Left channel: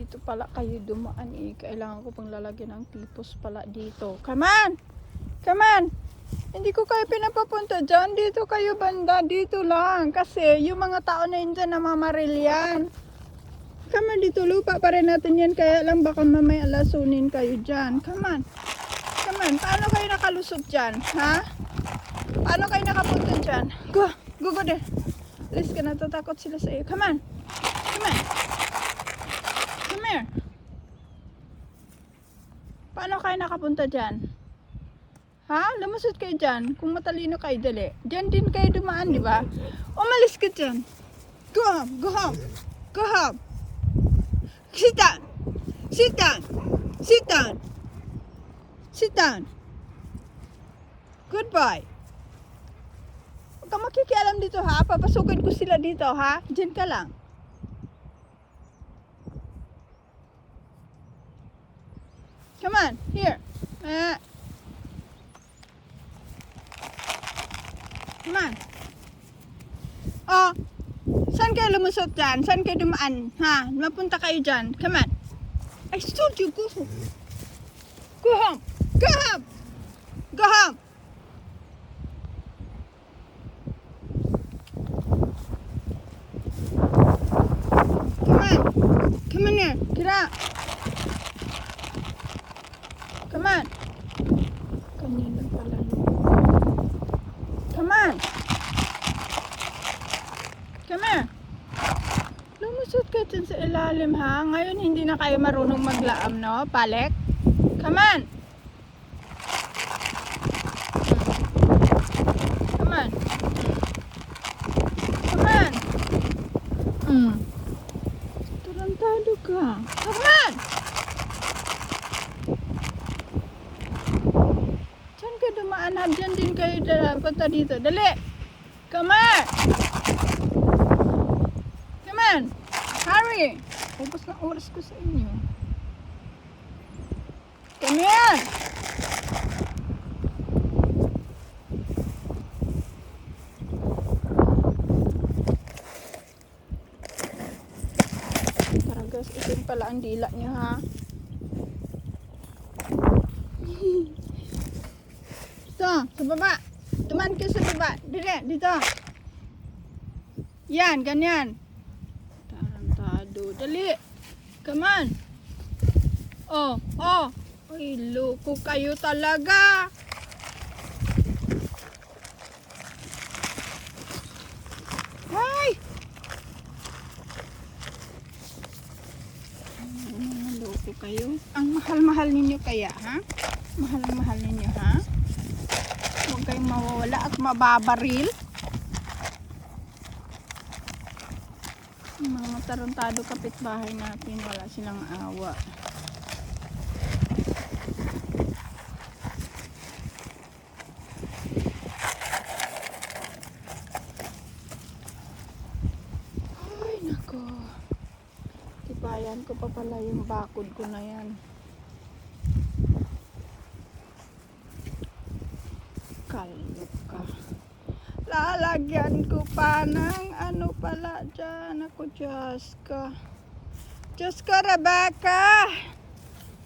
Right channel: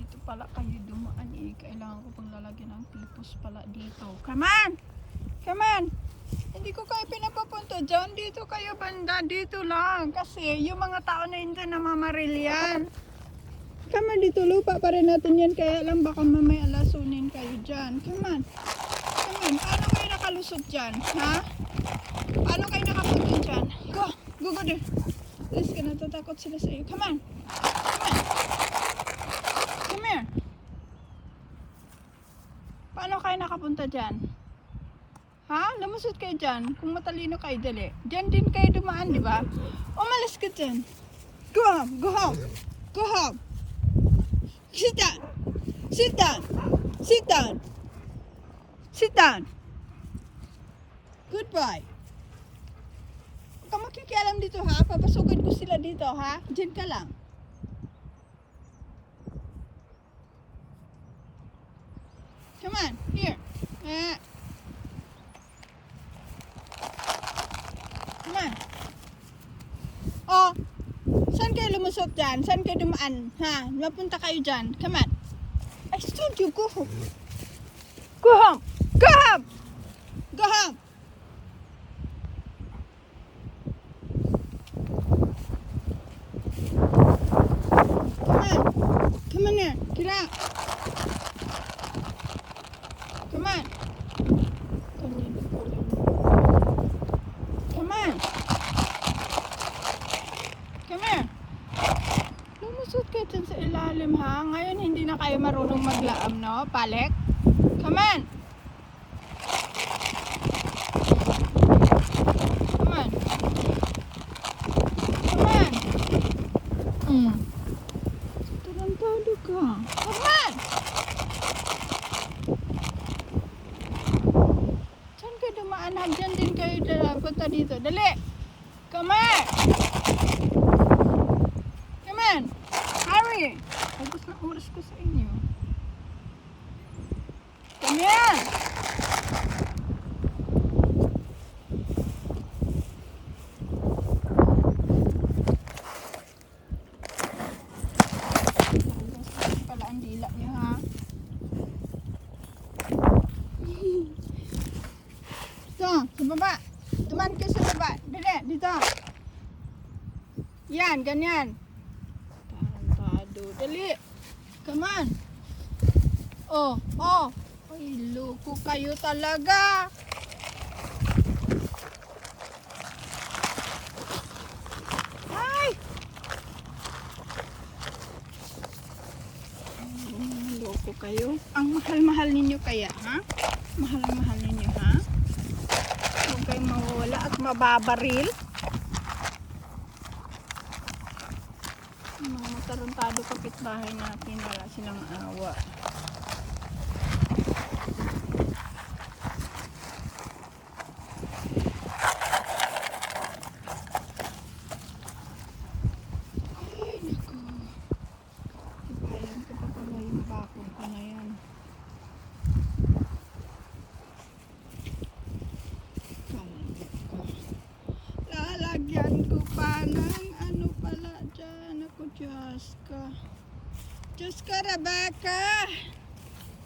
Dito pala kayo dumaan eh. Kailangan ko pang lalagyan ng tipos pala dito. Come on! Come on! Hindi ko kayo pinapapunta dyan. Dito kayo banda. Dito lang. Kasi yung mga tao na yun dyan namamaril yan. Come on, dito lupa pa rin natin yan. Kaya lang baka mamaya alasunin kayo dyan. Come on. Come on. Paano kayo nakalusot dyan? Ha? Paano kayo nakapunta dyan? Go. Go there. Alis ka, natatakot sila sa iyo. Come on. Come on. Come here. Paano kayo nakapunta dyan? Ha? Lumusot kayo dyan. Kung matalino kayo, dali. Dyan din kayo dumaan, di ba? Umalis ka dyan. Go home. Go home. Go home. Sit down. Sit down. Sit down. Sit down. Goodbye. Huwag ka makikialam dito ha. Papasukin ko sila dito ha. Diyan ka lang. Come on. Here. Come on. Oh. Saan kayo lumusot dyan? Saan kayo dumaan? Ha? Mapunta kayo dyan. Come on. I told you, go home. Go home. Go home. Go home. Come on. Come on here. Get out. Come on. Come on. Come here. Lumusot ka dyan sa ilalim ha. Ngayon hindi na kayo marunong maglaam, no? Balik. Come on. Come on. Come on. Tarantado ka. Come on. Diyan ka dumaan ha. Diyan din kayo punta dito. Dali. Come on. Hurry! Tapos na oras ko sa inyo. Come here! Taragas, isin pala ang dila niya ha. Ito, sa baba. Tumaan kayo sa baba. Dito, dito. Yan, ganyan. Dali. Come on. Oh, oh. Ay, loko kayo talaga. Ay. Loko kayo. Ang mahal-mahal ninyo kaya, ha? Mahal-mahal ninyo, ha? Huwag kayong mawawala at mababaril. Mga matarantado kapitbahay natin, wala silang awa. Ay nako, tibayan ko pa pala yung bakod ko na yan. Kalit ka. Lalagyan ko pa ng ano pala dyan. Ako, Diyos ka. Diyos ka, Rebecca.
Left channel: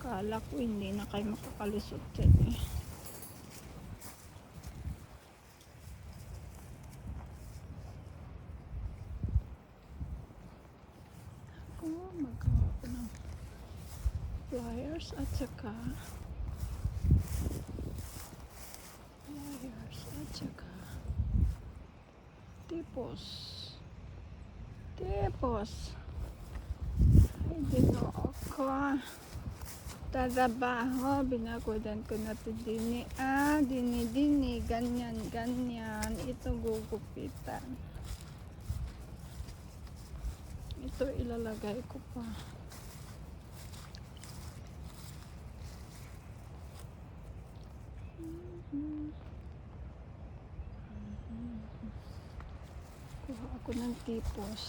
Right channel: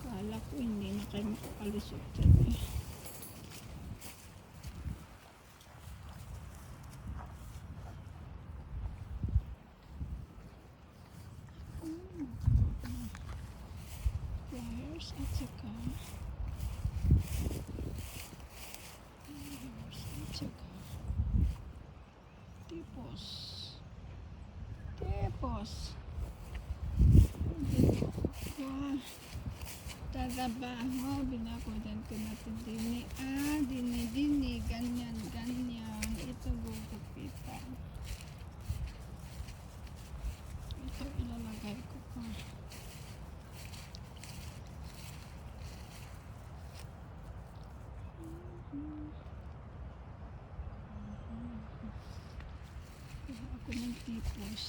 Kala ko hindi na kayo makakalusot dyan eh. Oh, magawa ko ng pliers at saka tipos dito ako tadabaho, binagodan ko na ito dini, ganyan ito gugupitan, ito ilalagay ko pa. Kuha ako ng tipos.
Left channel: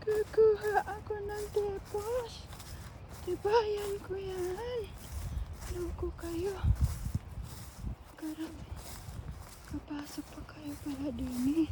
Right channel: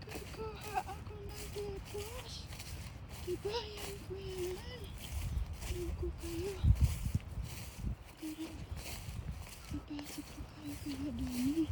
Kukuha ako ng tipos. Tibayan ko yan. Loko kayo. Karang napasok pa kayo pala din eh.